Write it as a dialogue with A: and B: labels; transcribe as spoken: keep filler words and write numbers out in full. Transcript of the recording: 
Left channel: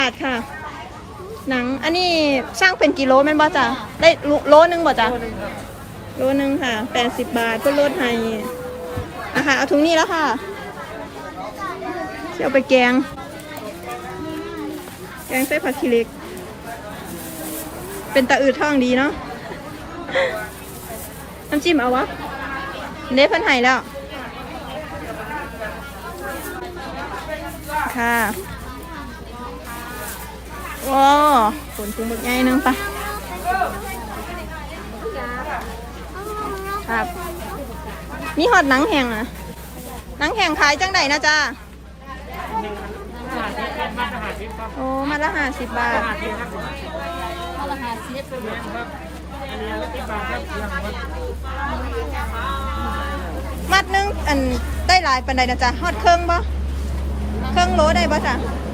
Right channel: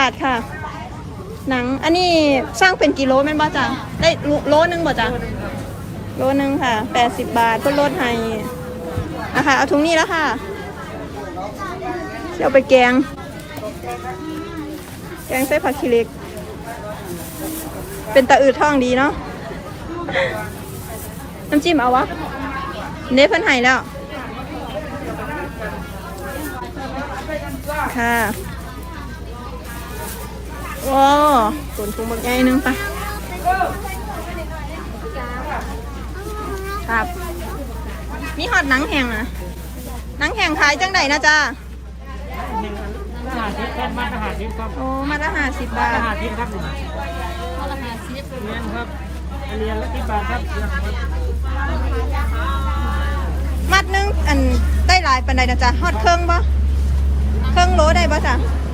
A: บาทค่ะหนังอันนี้สร้างเป็นกิโลแม่นบ่จ้ะได้โลนึงบ่จ้ะโลนึงค่ะแปดสิบบาทต้นลดให้นะคะเอาถุงนี้แล้วค่ะเดี๋ยวไปแกงแกงใส่ผักชีเล็กเป็นตะอืดท้องดีเนาะน้ำจิ้มเอาวะเน้เพิ่นให้แล้วค่ะว้าวส่วนถุงหมึกใหญ่นึงปะครับมีหอดหนังแห้งนะหนังแห้งขายจังใดนะจ๊ะโอ้มาละห้าสิบบาทมัดนึงอันได้หลายปันใดนะจ๊ะฮอดเครื่องบ่เครื่องโลได้ปะจ๊ะ